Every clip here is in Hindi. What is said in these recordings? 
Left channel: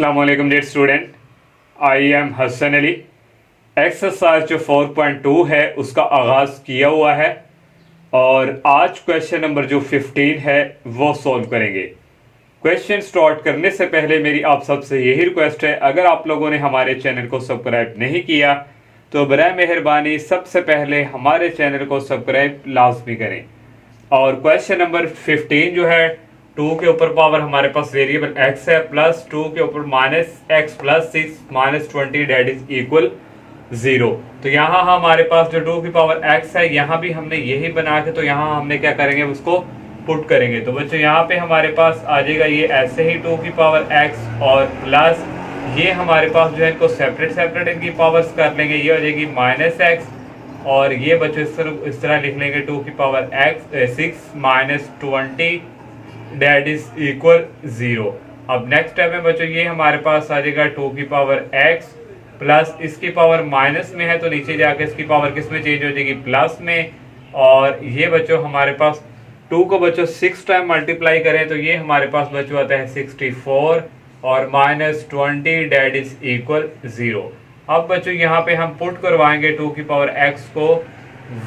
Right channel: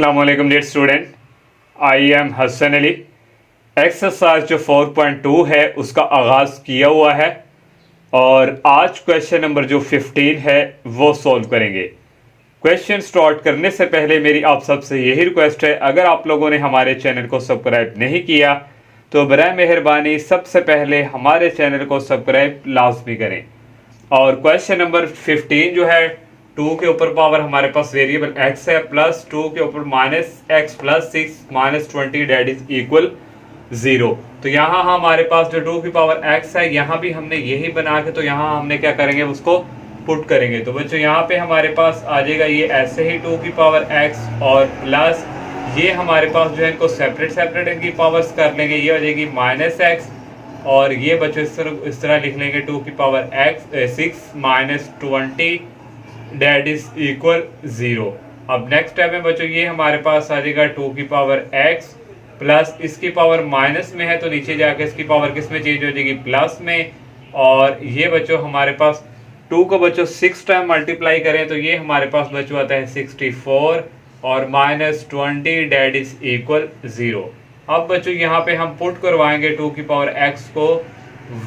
अस्सलाम वालेकुम dear student, I am Hasan Ali. Exercise जो 4.2 है उसका आगाज किया हुआ है और आज क्वेश्चन नंबर जो 15 है वो सॉल्व करेंगे। क्वेश्चन स्टार्ट करने से पहले मेरी आप सबसे यही रिक्वेस्ट है, अगर आप लोगों ने हमारे चैनल को सब्सक्राइब नहीं किया तो बराए मेहरबानी सबसे पहले हमारे चैनल को सब्सक्राइब लाजमी करें। और क्वेश्चन नंबर 15 जो है 2 के ऊपर पावर हमारे पास वेरिएबल x है प्लस 2 के ऊपर minus x plus 6 minus 20 that is equal 0। तो यहाँ हमारे पास जो 2 की पावर x है यहाँ भी हमने यही बना के, तो यहाँ हमने क्या करेंगे उसको पुट करेंगे। तो बच्चों यहाँ पे हमारे पास आ जाएगा ये ऐसे ही 2 की पावर x और प्लस ये हमारे पास जो है इनको सेपरेट इनकी पावर्स कर लेंगे, ये हो जाएगी माइनस x और ये बच्चों इस तरह लिख लेंगे 2 की power x 6 minus 20 that is equal 0। अब नेक्स्ट स्टेप में बच्चों ये हमारे पास आ जाएगा 2 की पावर x प्लस इसकी पावर माइनस में है तो नीचे जाके इसकी पावर किस में चेंज हो जाएगी प्लस में। और ये बच्चों हमारे पास 2 को बच्चों 6 टाइम मल्टीप्लाई करें तो ये हमारे पास बच्चों आता है 64 और माइनस 20 डेट इज इक्वल 0। अब बच्चों यहाँ पे हम पुट करवाएंगे 2 की पावर x को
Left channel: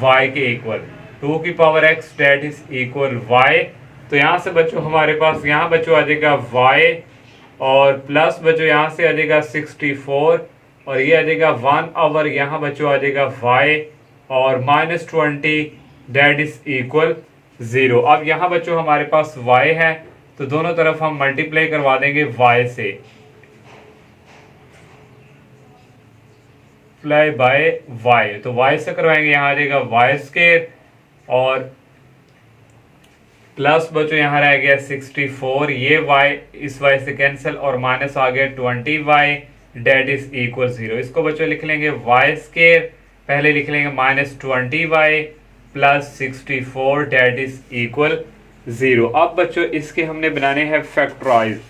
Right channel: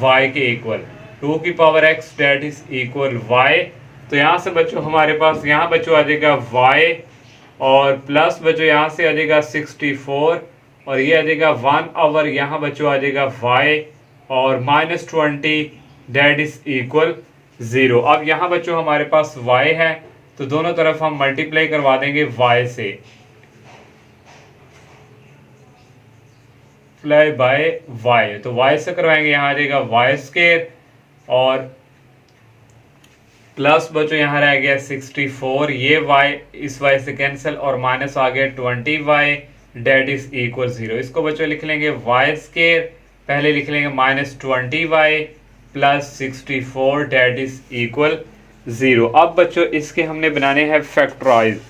y के इक्वल, 2 की power x that is equal y। तो यहाँ से बच्चों हमारे पास यहाँ बच्चों आ जाएगा y और प्लस बच्चों यहाँ से आ जाएगा 64 और ये आ जाएगा 1 ओवर यहाँ बच्चों आ जाएगा y और माइनस 20 डेट इज इक्वल 0। अब यहाँ बच्चों हमारे पास y है तो दोनों तरफ हम मल्टीप्लाई करवा देंगे y से, प्लाई बाय y। तो y से करवाएंगे, यहाँ आ जाएगा y स्क्वायर और प्लस बच्चों यहाँ रह गया 64, ये y इस y से कैंसिल और माइनस आ गया 20y डेट इज इक्वल 0। इसको बच्चों लिख लेंगे y स्क्वायर, पहले लिख लेंगे minus 20y plus 64 that is equal 0। अब बच्चों इसके हमने बनाने हैं फैक्टराइज।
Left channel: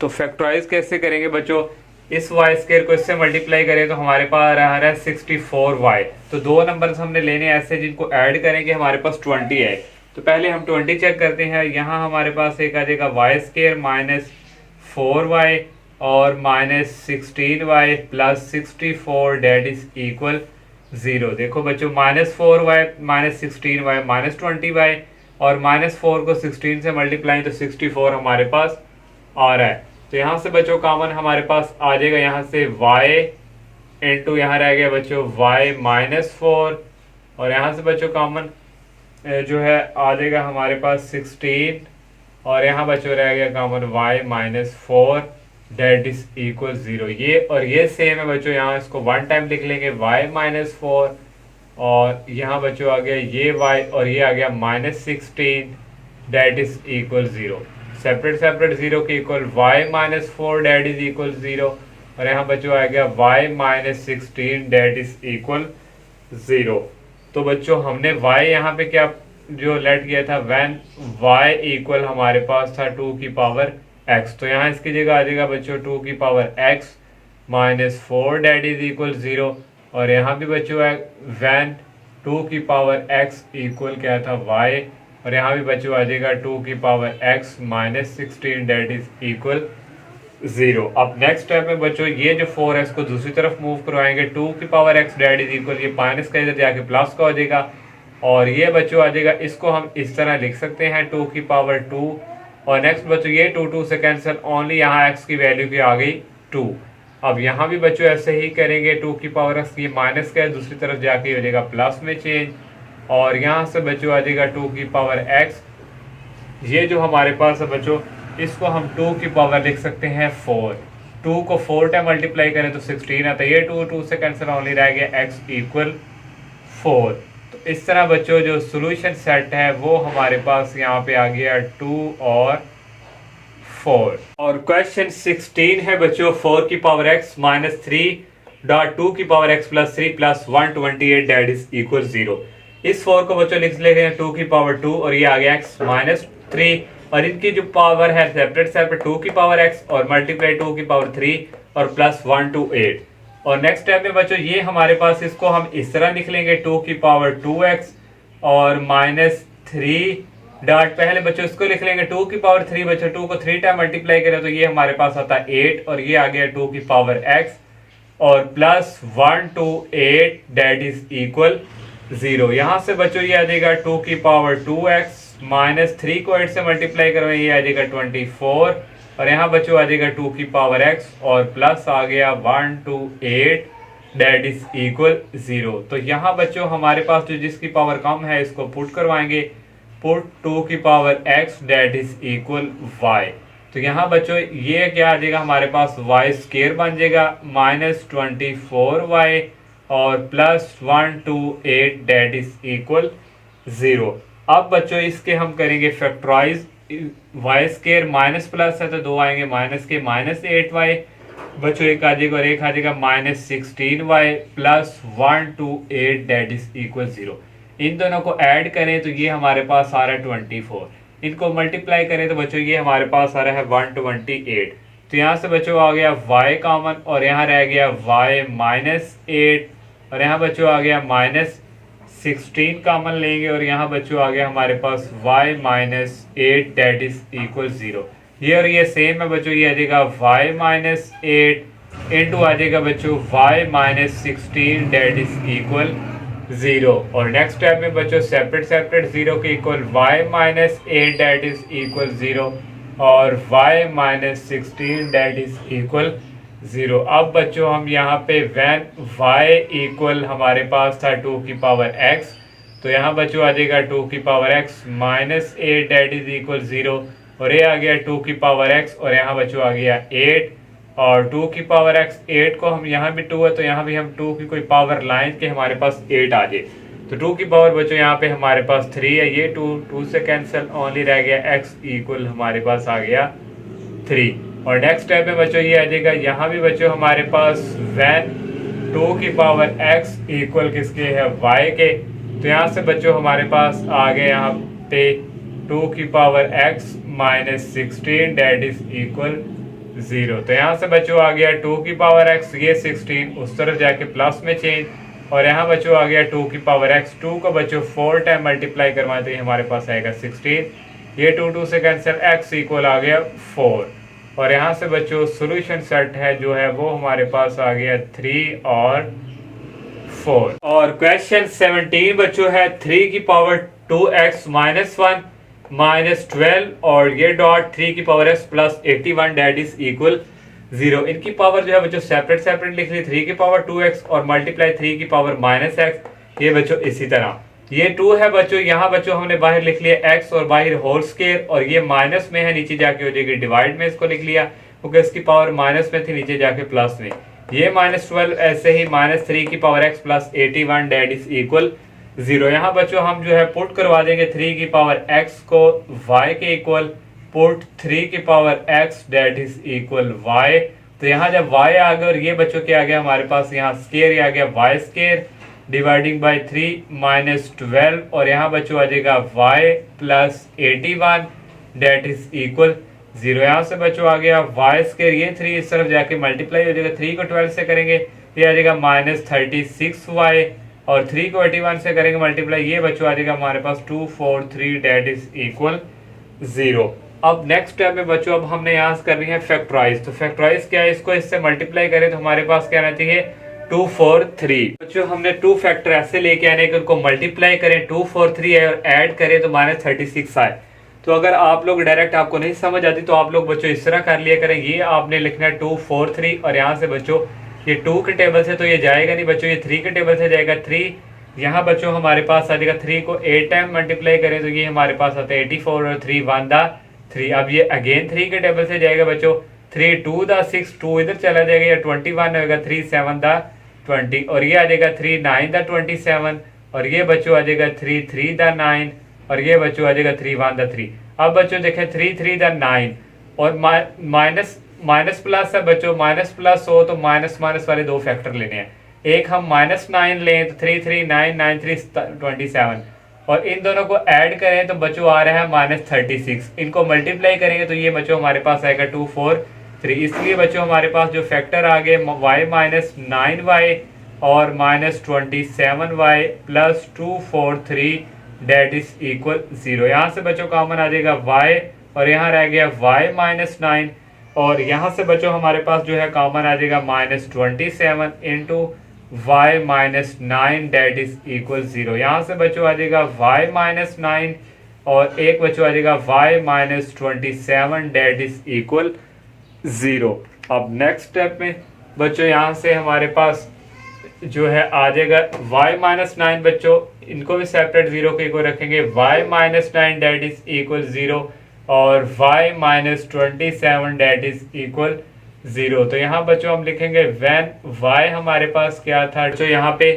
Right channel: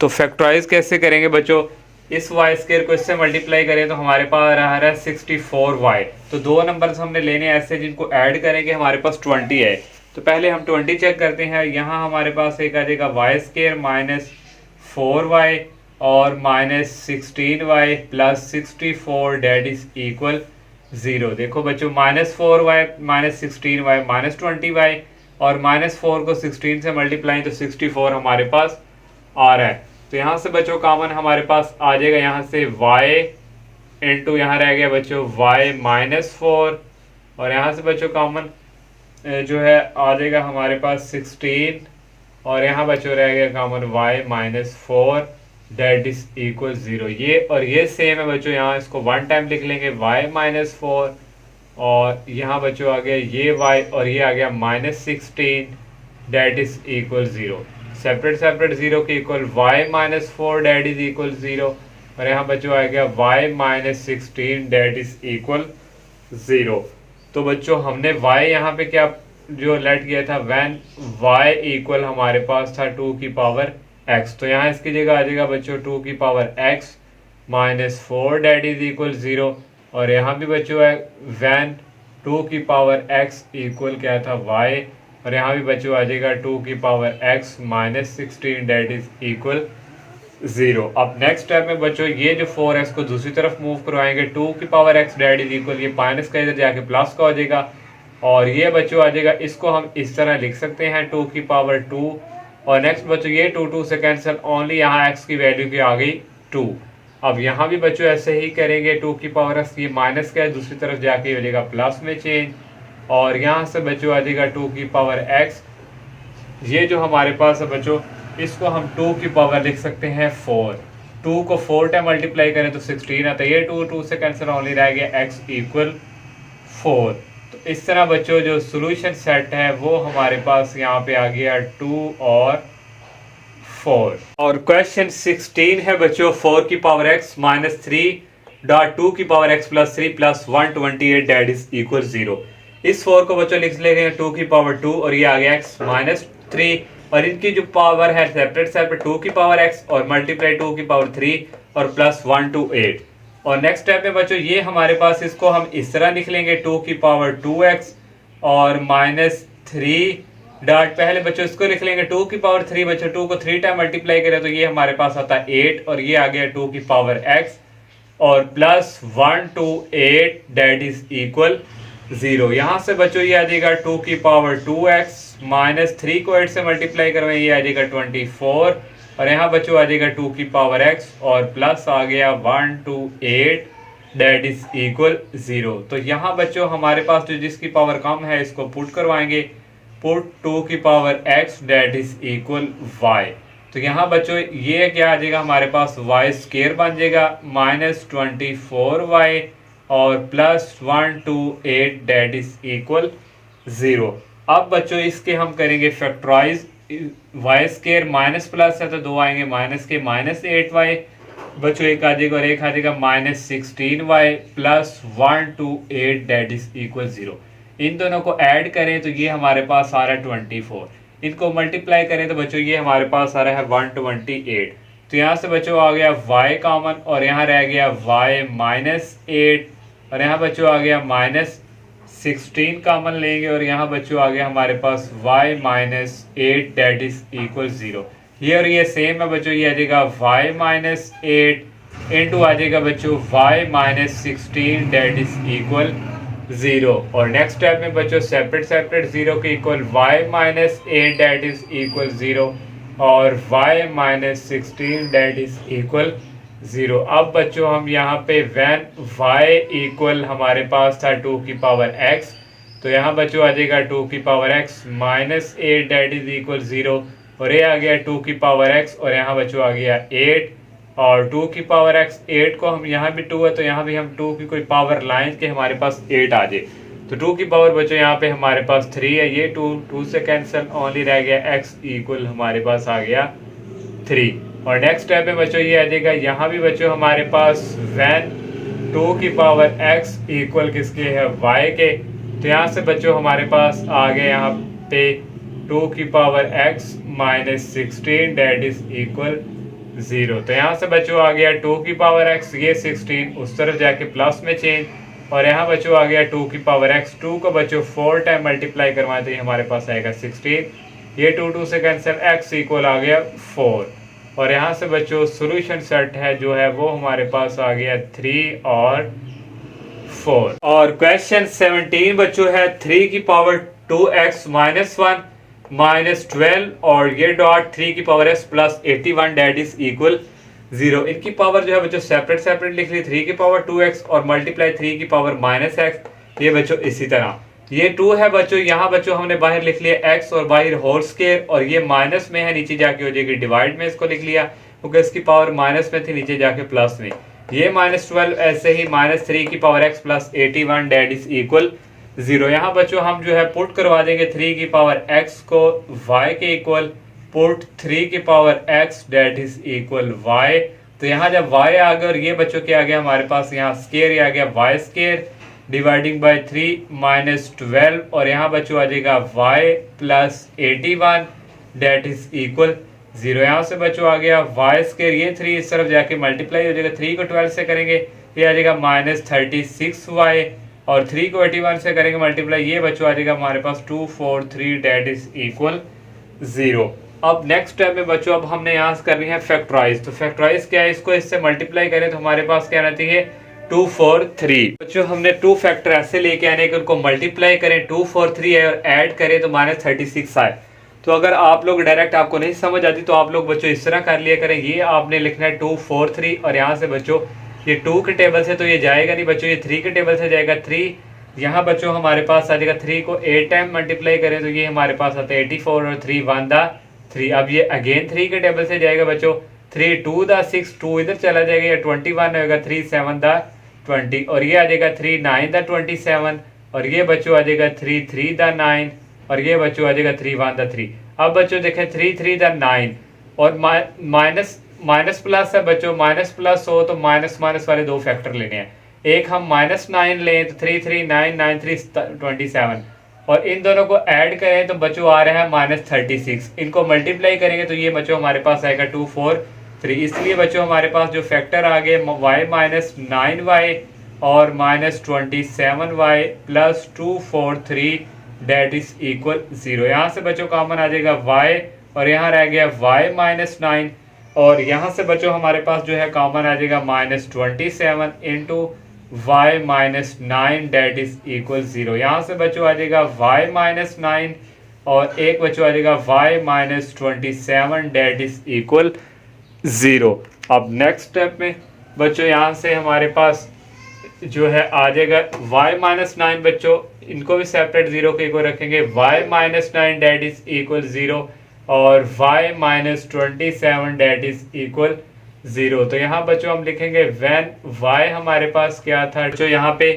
तो फैक्टराइज कैसे करेंगे बच्चों, इस y स्क्वायर को इससे मल्टीप्लाई करें तो हमारे पास आ रहा है 64y। तो दो नंबर्स हमने लेने ऐसे जिनको ऐड करेंगे हमारे पास 20 है। तो पहले हम 20 चेक करते हैं, यहाँ हमारे पास एक आ जाएगा y स्क्वायर माइनस 4y और minus 16y plus 64 that is equal 0। देखो बच्चों minus 4y minus 16y minus 20y और माइनस 4 को 16 से मल्टीप्लाई तो 64 हमारे पास आ रहा है। तो यहाँ से बच्चों कॉमन हमारे पास आ जाएगा, यहाँ से y इंटू यहाँ रह गया बच्चों y माइनस 4 और यहाँ से बच्चों कॉमन जो है आ जाएगा हमारे पास 16 और यहाँ बच्चों रह गया common y minus 4 that is equal 0। ये और ये सेम है बच्चों, यहाँ इसको 1 टाइम लिख लेंगे y माइनस 4 और यहाँ बच्चों आ गया ये y और ये आ गया minus 16 that is equal 0। Separate 0 के equal y minus 4 that is equal 0 और यहाँ बच्चों आ गया y minus 16 that is equal 0। तो बच्चों हमने y यहाँ पे क्या जो लेट किया था व्हेन y इक्वल हमारे पास था 2 की पावर x। तो यहाँ इसकी जगह आ जाएगा बच्चों 2 की power x minus 4 that is equal 0 और यहाँ भी बच्चों है व्हेन 2 की पावर x इक्वल क्या था y और यहाँ भी बच्चों आ जाएगा 2 की power x minus 16 that is equal 0। अब नेक्स्ट स्टेप में बच्चों ये जो 4x को दूसरी तरफ मूव करवाएंगे, 2 की power x that is equal ये माइनस का इधर जाके प्लस का हो जाएगा और ये बच्चों आ जाएगा, इसको हम इस तरह लिख सकते हैं 2 की पावर 2 और नेक्स्ट बच्चों ये 2 से कैंसिल, ओनली यहाँ x की वैल्यू की आ गई 2। अब यहाँ भी बच्चों ऐसे ही करेंगे, 2 की पावर x ये माइनस का है दूसरी तरफ जाके हो जाएगा प्लस में चेंज और यहाँ से बच्चों आ जाएगा 2 की पावर x, ये जो हमारे पास है बच्चों इसको हम 2 की पावर लिख सकते हैं 4। 2 को 4 टाइम मल्टीप्लाई करें तो 16 आता है, ये 2 से कैंसिल ओनली रह गया x इक्वल 4। तो इस तरह बच्चों जो सोल्यूशन सेट है वो हमारे पास यहाँ पे आ गया 2 और 4। और क्वेश्चन 16 है बच्चों 4 की पावर x माइनस 3 डॉट 2 की power x plus 3 plus 128 that is equal 0। इस 4 को बच्चों लिख लेंगे 2 की पावर 2 और ये आ गया x माइनस 3 और इनकी जो पावर है सेपरेट 2 की पावर x और मल्टीप्लाई 2 की पावर 3 और प्लस 128। और नेक्स्ट स्टेप में बच्चों ये हमारे पास इसको हम इस तरह लिख लेंगे 2 की पावर 2x और माइनस 3 डॉट पहले बच्चों इसको लिख लेंगे 2 की पावर 3, बच्चों 2 को 3 टाइम मल्टीप्लाई करें तो ये हमारे पास आता है 8 और ये आ गया 2 की पावर x और plus 1 to 8 that is equal 0। यहां से बच्चों ये आ जाएगा 2 की पावर 2x माइनस 3 को 8 से मल्टीप्लाई करवाएं, ये आ जाएगा 24 और यहाँ बच्चों आ जाएगा 2 की पावर x और प्लस आ गया 1 to 8 डेट इज इक्वल 0। तो यहाँ बच्चों हमारे पास जो जिसकी पावर कम है इसको पुट करवाएंगे, पुट 2 की power x that is equal y। तो यहाँ बच्चों ये क्या आ जाएगा हमारे पास y स्क्वायर बन जाएगा माइनस 24y और plus 1 to 8 that is equal 0। अब बच्चों इसके हम करेंगे factorise, y square minus plus है तो दो आएंगे माइनस के, माइनस 8y बच्चों एक आ जाएगा और एक आ जाएगा minus 16y plus 1 to 8 that is equal 0। इन दोनों को ऐड करें तो ये हमारे पास आ रहा है 24, इनको मल्टीप्लाई करें तो बच्चों ये हमारे पास आ रहा है 128। तो यहाँ से बच्चों आ गया y कॉमन और यहाँ रह गया y माइनस 8 और यहाँ बच्चों आ गया माइनस 16 कॉमन लेंगे और यहाँ बच्चों आ गया हमारे पास y minus 8 that is equal 0। ये और ये सेम है बच्चों, ये आ जाएगा y माइनस 8 इंटू आ जाएगा बच्चों y minus 16 that is equal 0। और नेक्स्ट स्टेप में बच्चों सेपरेट सेपरेट 0 के equal y minus 8 that is equal 0 और y minus 16 that is equal 0। अब बच्चों हम यहाँ पे व्हेन y इक्वल हमारे पास था 2 की पावर x, तो यहाँ बच्चों आ जाएगा 2 की power x minus 8 that is equal 0 और ये आ गया 2 की पावर x और यहाँ बच्चों आ गया 8 और 2 की पावर x 8 को हम यहाँ भी 2 है तो यहाँ भी हम 2 की कोई पावर लाइन के हमारे पास 8 आ जाए तो 2 की पावर बच्चों यहाँ पे हमारे पास 3 है, ये 2 से कैंसिल, ओनली रह गया x इक्वल हमारे पास आ गया 3। और नेक्स्ट स्टेप में बच्चों ये आ जाएगा यहाँ भी बच्चों हमारे पास व्हेन 2 की पावर x इक्वल किसके है y के, तो यहाँ से बच्चों हमारे पास आ गया यहाँ पे 2 की power x minus 16 that is equal 0। तो यहाँ से बच्चों आ गया 2 की पावर x, ये 16 उस तरफ जाके प्लस में चेंज और यहाँ बच्चों आ गया 2 की पावर x, 2 को बच्चों 4 टाइम मल्टीप्लाई करवाते हैं हमारे पास आएगा 16, ये 2 से कैंसिल, x इक्वल आ गया 4 और यहाँ से बच्चों सोल्यूशन सेट है जो है वो हमारे पास आ गया 3 और 4। और क्वेश्चन 17 बच्चों है 3 की पावर 2x माइनस 1 माइनस 12 और ये डॉट 3 की power x plus 81 that is equal 0। इनकी पावर जो है बच्चों सेपरेट सेपरेट लिख ली, 3 की पावर 2x और मल्टीप्लाई 3 की पावर माइनस x, ये बच्चों इसी तरह ये 2 है बच्चों, यहाँ बच्चों हमने बाहर लिख लिया x और बाहर होल स्क्वायर और ये माइनस में है, नीचे जाके हो जाएगी डिवाइड में, इसको लिख लिया क्योंकि इसकी पावर माइनस में थी, नीचे जाके प्लस में, ये माइनस 12 ऐसे ही माइनस 3 की power x plus 81 that is equal 0। यहाँ बच्चों हम जो है पुट करवा देंगे 3 की पावर x को y के इक्वल, पुट 3 की power x that is equal y। तो यहाँ जब y आ गया और ये बच्चों क्या आ गया हमारे पास यहाँ स्क्वायर आ गया y square dividing by 3 minus 12 और यहाँ बच्चों आ जाएगा y plus 81 that is equal 0। यहाँ से बच्चों आ गया y स्क्वायर, ये 3 इस तरफ जाके मल्टीप्लाई हो जाएगा, 3 को 12 से करेंगे ये आ जाएगा माइनस 36y और 3 को 81 से करेंगे मल्टीप्लाई, ये बच्चों आ जाएगा हमारे पास 243 डेट इज इक्वल 0। अब नेक्स्ट स्टेप में बच्चों अब हमने यहाँ से करनी है फैक्टराइज। तो फैक्टराइज क्या है, इसको इससे मल्टीप्लाई करें तो हमारे पास क्या रहती है 243। बच्चों हमने 2 फैक्टर ऐसे लेके आने कि उनको मल्टीप्लाई करें, 243 है और ऐड करें तो माइनस 36 आए। तो अगर आप लोग डायरेक्ट आपको नहीं समझ आती तो आप लोग बच्चों इस तरह कर लिया करें, ये आपने लिखना है 243 और यहाँ से बच्चों ये 2 के टेबल से तो ये जाएगा नहीं बच्चों, ये 3 के टेबल से जाएगा 3। यहाँ बच्चों हमारे पास आ जाएगा 3 को 8 टाइम मल्टीप्लाई करें तो ये हमारे पास आता है 84 और 3 1 दा 3। अब ये अगेन 3 के टेबल से जाएगा बच्चों, 3 2 दा 6, 2 इधर चला जाएगा, ये 21 होगा, 3 7 दा 20 और ये आ जाएगा 3 9 दा 27 और ये बच्चों आ जाएगा 3 3 दा 9 और ये बच्चों आ जाएगा 3 1 दा 3। अब बच्चों देखें 3 3 दा 9 और माइनस प्लस है बच्चों, माइनस प्लस हो तो माइनस माइनस वाले 2 फैक्टर लेने हैं, एक हम माइनस 9 लें तो 3 3 9 9 3 27 और इन दोनों को ऐड करें तो बच्चों आ रहा है माइनस 36। इनको मल्टीप्लाई करेंगे तो ये बच्चों हमारे पास आएगा 243। इसलिए बच्चों हमारे पास जो फैक्टर आ गए y माइनस 9y और minus 27y plus 243 that is equal 0। यहाँ से बच्चों कॉमन आ जाएगा y और यहाँ रह गया y माइनस 9 और यहाँ से बच्चों हमारे पास जो है कॉमन आ जाएगा -27 into y minus 9 that is equal 0। यहाँ से बच्चों आ जाएगा y माइनस 9 और एक बच्चों आ जाएगा y minus 27 that is equal 0। अब नेक्स्ट स्टेप में बच्चों यहाँ से हमारे पास जो है आ जाएगा y माइनस 9 बच्चों इनको भी सेपरेट 0 के इक्वल रखेंगे y minus 9 that is equal 0 और y minus 27 that is equal 0। तो यहाँ बच्चों हम लिखेंगे व्हेन y हमारे पास क्या था जो यहाँ पे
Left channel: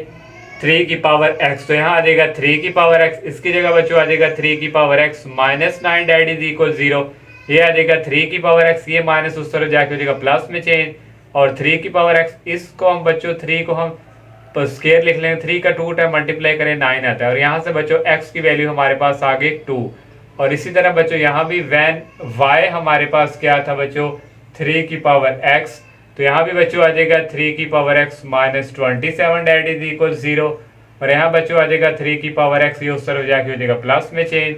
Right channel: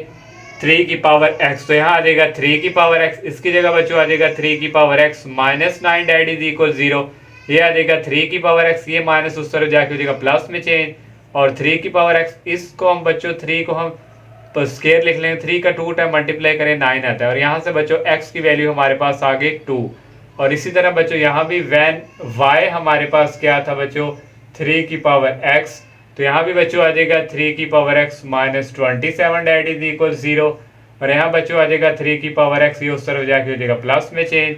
3 की पावर x, तो यहाँ आ जाएगा 3 की पावर x, इसकी जगह बच्चों आ जाएगा 3 की power x minus 9 that is equal 0। ये आ जाएगा 3 की पावर x, ये माइनस उस तरह जाके हो जाएगा प्लस में चेंज और 3 की पावर x, इसको हम बच्चों 3 को हम स्क्वायर लिख लेंगे, 3 का 2 टाइम मल्टीप्लाई करें 9 आता है और यहाँ से बच्चों x की वैल्यू हमारे पास आ गई 2। और इसी तरह बच्चों यहाँ भी व्हेन y हमारे पास क्या था बच्चों 3 की पावर x, तो यहाँ भी बच्चों आ जाएगा 3 की power x minus 27 that is equal 0 और यहाँ बच्चों आ जाएगा 3 की पावर x, ये उस तरफ जाके हो जाएगा प्लस में चेंज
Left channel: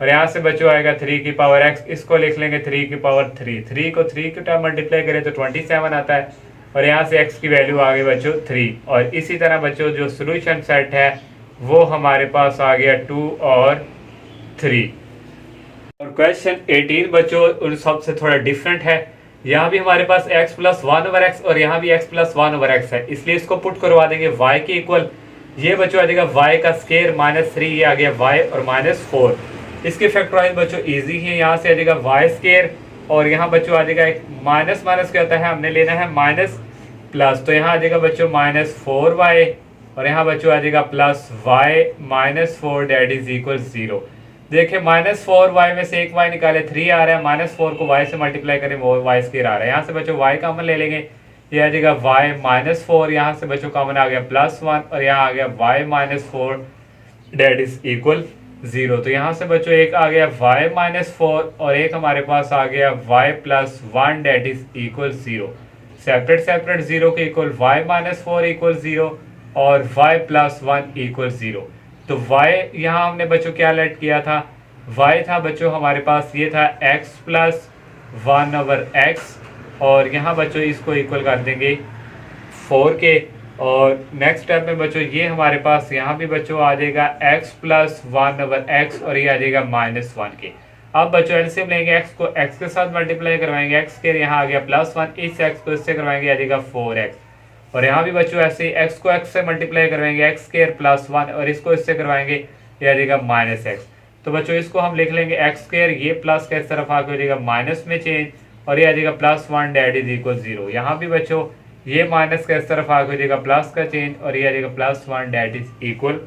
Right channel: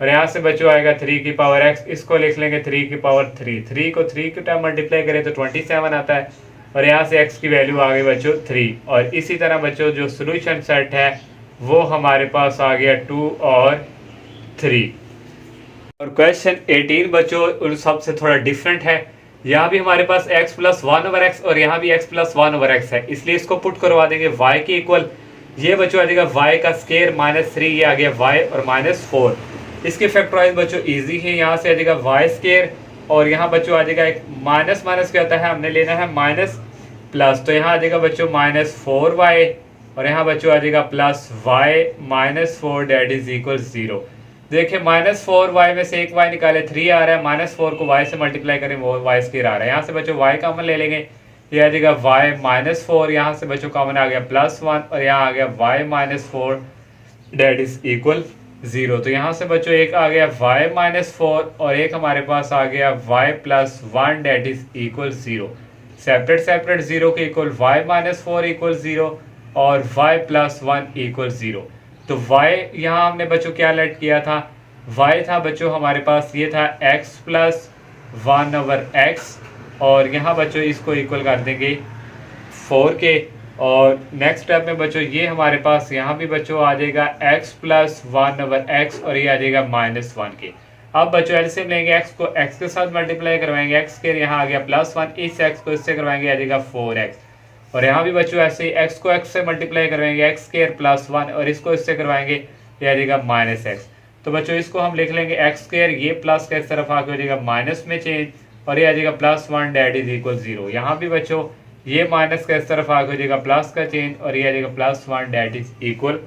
और यहाँ से बच्चों आएगा 3 की पावर x, इसको लिख लेंगे 3 की पावर 3, 3 को 3 के टाइम मल्टीप्लाई करें तो 27 आता है और यहाँ से x की वैल्यू आ गई बच्चों 3। और इसी तरह बच्चों जो सोल्यूशन सेट है वो हमारे पास आ गया 2 और 3। और क्वेश्चन 18 बच्चों उन सबसे थोड़ा डिफरेंट है, यहाँ भी हमारे पास x प्लस 1 ओवर x और यहाँ भी x प्लस 1 ओवर x है, इसलिए इसको पुट करवा देंगे y के इक्वल। ये बच्चों आ जाएगा y का स्केयर -3, ये आ गया y और -4। इसके फैक्टराइज बच्चों इजी है, यहाँ से आ जाएगा y स्केयर और यहाँ बच्चों आ जाएगा एक माइनस माइनस क्या होता है हमने लेना है माइनस प्लस, तो यहाँ आ जाएगा बच्चों -4y और यहाँ बच्चों आ जाएगा plus y -4 that is equal 0। देखिए -4y में से एक y निकाले 3 आ रहा है, -4 को y से मल्टीप्लाई करें वो y स्क्वायर आ रहा है। यहाँ से बच्चों y कॉमन ले लेंगे, ये आ जाएगा y -4, यहाँ से बच्चों कॉमन आ गया +1 और यहाँ आ गया y -4 डेट इज इक्वल 0। तो यहाँ से बच्चों एक आ गया y -4 और एक हमारे पास आ गया y +1 that is equal 0। Separate separate 0 के इक्वल y -4 इक्वल 0 और y +1 इक्वल 0। तो y यहाँ हमने बच्चों क्या लेट किया था, y था बच्चों हमारे पास ये था x प्लस 1 ओवर x और यहाँ बच्चों इसको इक्वल कर देंगे 4 के और नेक्स्ट स्टेप में बच्चों ये हमारे पास यहाँ भी बच्चों आ जाएगा x प्लस 1 ओवर x और ये आ जाएगा -1 के। अब बच्चों एलसीएम लेंगे x को x के साथ मल्टीप्लाई करवाएंगे, x के यहाँ आ गया +1, इस x को इससे करवाएंगे आ जाएगा 4x और यहाँ भी बच्चों ऐसे ही x को x से मल्टीप्लाई करवाएंगे x स्क्वायर +1 और इसको इससे करवाएंगे ये आ जाएगा -x। तो बच्चों इसको हम लिख लेंगे x स्क्वायर, ये प्लस के इस तरफ आके हो जाएगा माइनस में चेंज और ये आ जाएगा +1 डेट इज इक्वल 0। यहाँ भी बच्चों ये माइनस का इस तरफ आके हो जाएगा प्लस का चेंज और ये आ जाएगा +1 डेट इज इक्वल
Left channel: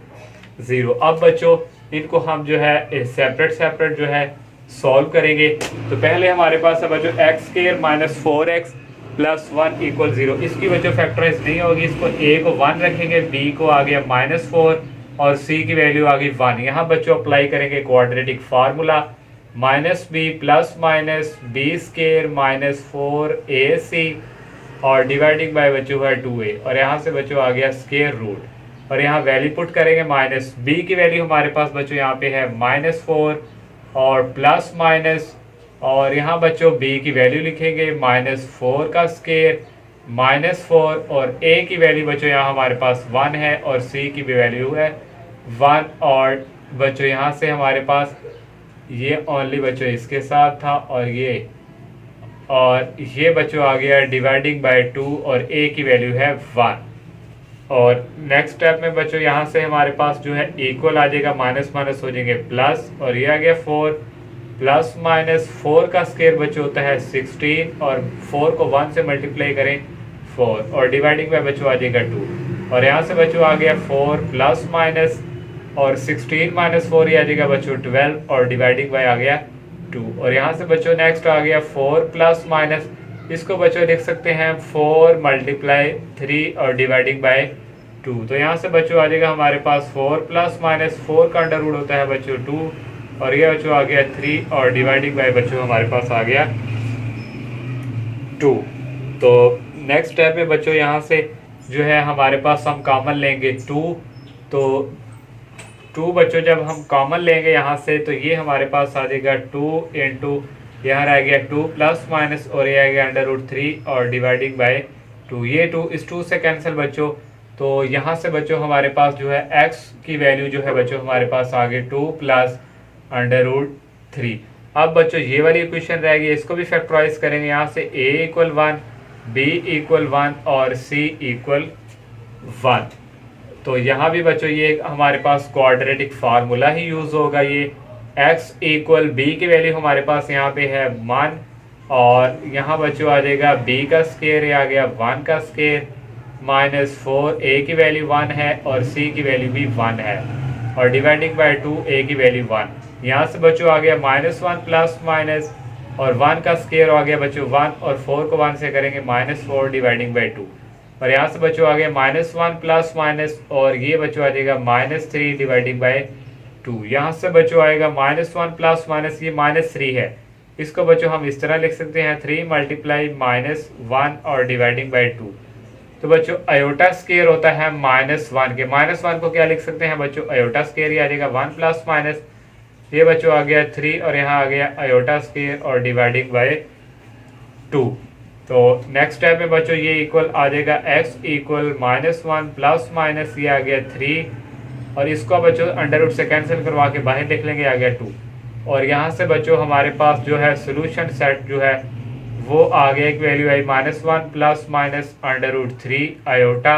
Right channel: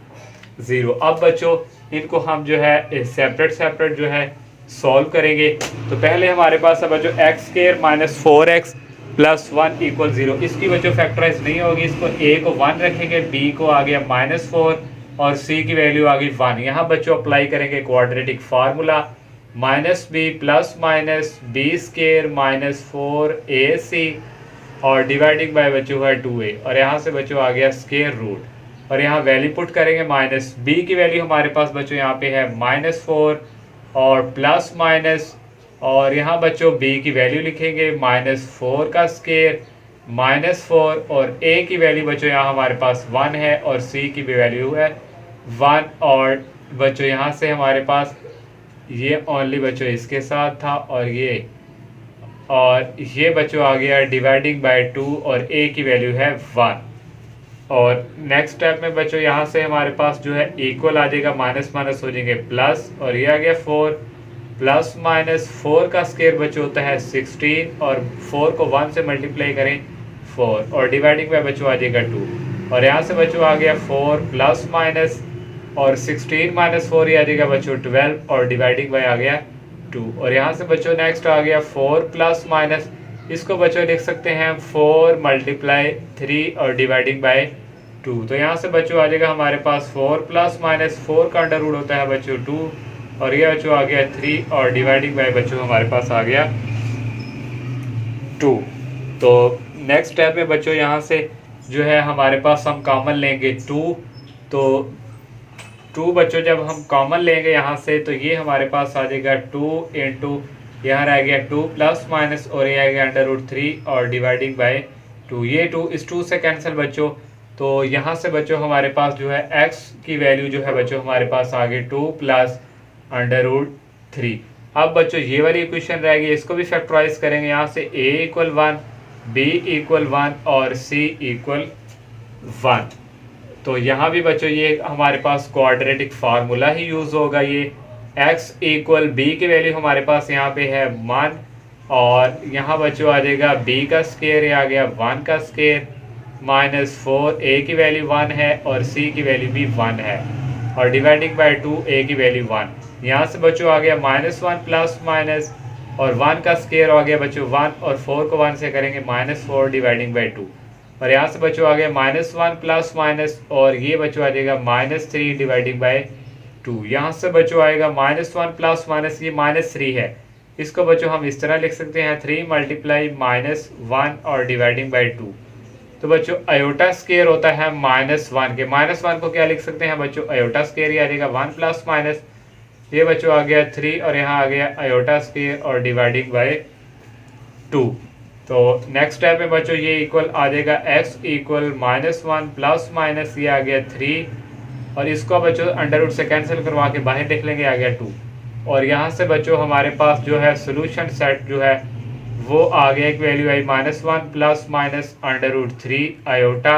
0। अब बच्चों इनको हम जो है सेपरेट सेपरेट जो है सॉल्व करेंगे। तो पहले हमारे पास है बच्चों x स्क्वायर -4x +1 इक्वल 0, इसकी बच्चों फैक्टराइज नहीं होगी, इसको a को 1 रखेंगे, b को आ गया -4 और c की वैल्यू आ गई 1। यहाँ बच्चों अप्लाई करेंगे quadratic formula -b plus minus b square -4ac और डिवाइडिंग बाय बच्चों है 2a और यहाँ से बच्चों आ गया स्क्वायर रूट और यहाँ वैल्यू पुट करेंगे -b की वैल्यू हमारे पास बच्चों यहाँ पे है -4 और प्लस माइनस और यहाँ बच्चों b की वैल्यू लिखेंगे -4 का स्क्वायर -4 और a की वैल्यू बच्चों यहाँ हमारे पास 1 है और c की भी वैल्यू है 1 और बच्चों यहाँ से हमारे पास ये ओनली बच्चों इसके साथ था और ये बच्चों आ गया डिवाइडिंग बाय 2 और a की वैल्यू है 1। और नेक्स्ट स्टेप में बच्चों यहाँ से हमारे पास जो है इक्वल आ जाएगा, माइनस माइनस हो जाएंगे प्लस और ये आ गया 4 प्लस -4 का स्क्वायर बच्चों होता है 16 और 4 को 1 से मल्टीप्लाई करें 4 और डिवाइडिंग बाय बच्चों आ जाएगा 2 और यहाँ से बच्चों आ गया 4 प्लस माइनस और 16 -4 ये आ जाएगा बच्चों 12 और डिवाइडिंग बाय आ गया 2 और यहाँ से बच्चों नेक्स्ट आ गया 4 प्लस माइनस, इसको बच्चों लिख सकते हैं 4 × 3 और डिवाइडिंग बाय 2। तो यहाँ से बच्चों आ जाएगा हमारे पास 4 प्लस माइनस 4 का अंडर रूट होता है बच्चों 2 और ये बच्चों आ गया 3 और डिवाइडिंग बाय बच्चों हमारे पास आ गया 2। तो नेक्स्ट स्टेप में बच्चों यहाँ से जो है हमारे पास हम कॉमन लेंगे 2, तो 2 बच्चों जब हम कॉमन लेंगे यहाँ से तो ये हमारे पास आ जाएगा 2 इंटू यहाँ रह गया 2 प्लस माइनस और ये आ गया √3 और डिवाइडिंग बाय 2। ये 2 इस 2 से कैंसिल बच्चों। तो यहाँ से बच्चों हमारे पास जो है x की वैल्यू जो है बच्चों हमारे पास आ गई 2 प्लस √3। अब बच्चों ये वाली इक्वेशन रहेगी, इसको भी फैक्टराइज करेंगे। यहाँ से a इक्वल 1, b इक्वल 1 और c इक्वल 1। तो यहाँ भी बच्चों ये हमारे पास क्वाड्रेटिक फार्मूला ही यूज होगा। ये x इक्वल b की वैल्यू हमारे पास यहाँ पे है 1 और यहाँ बच्चों आ जाएगा b का स्क्वायर आ गया 1 का स्क्वायर -4 a की वैल्यू 1 है और c की वैल्यू भी 1 है और डिवाइडिंग बाय 2 a की वैल्यू 1। यहाँ से बच्चों आ गया -1 प्लस माइनस और 1 का स्क्वायर आ गया बच्चों 1 और 4 को 1 से करेंगे -4 डिवाइडिंग बाय 2 और यहाँ से बच्चों आ गया -1 प्लस माइनस और ये बच्चों आ जाएगा -3 डिवाइडिंग बाय 2। यहाँ से बच्चों आएगा -1 प्लस माइनस ये -3 है, इसको बच्चों हम इस तरह लिख सकते हैं 3 मल्टीप्लाई -1 और डिवाइडिंग बाय 2। तो बच्चों अयोटा स्क्वायर होता है -1 के, -1 को क्या लिख सकते हैं बच्चों अयोटा स्क्वायर ही आ जाएगा 1 प्लस माइनस ये बच्चों आ गया 3 और यहाँ आ गया अयोटा स्क्वायर और डिवाइडिंग बाय 2। तो नेक्स्ट स्टेप में बच्चों ये इक्वल आ जाएगा x इक्वल -1 प्लस माइनस ये आ गया 3 और इसको बच्चों अंडर रूट से कैंसिल करवा के बाहर लिख लेंगे आ गया 2 और यहाँ से बच्चों हमारे पास जो है सोल्यूशन सेट जो है वो आ गया एक value I -1 plus minus √3 iota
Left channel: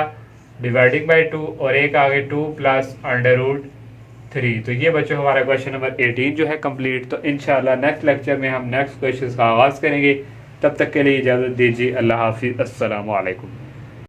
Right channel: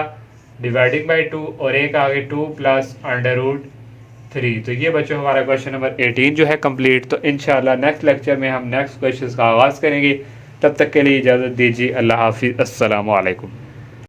dividing by 2 और एक आ गया 2 प्लस √3। तो ये बच्चों हमारा क्वेश्चन नंबर 18 जो है कंप्लीट। तो इंशाल्लाह नेक्स्ट लेक्चर में हम नेक्स्ट क्वेश्चन का आगाज़ करेंगे। तब तक के लिए इजाज़त दीजिए। अल्लाह हाफिज़। अस्सलामु अलैकुम।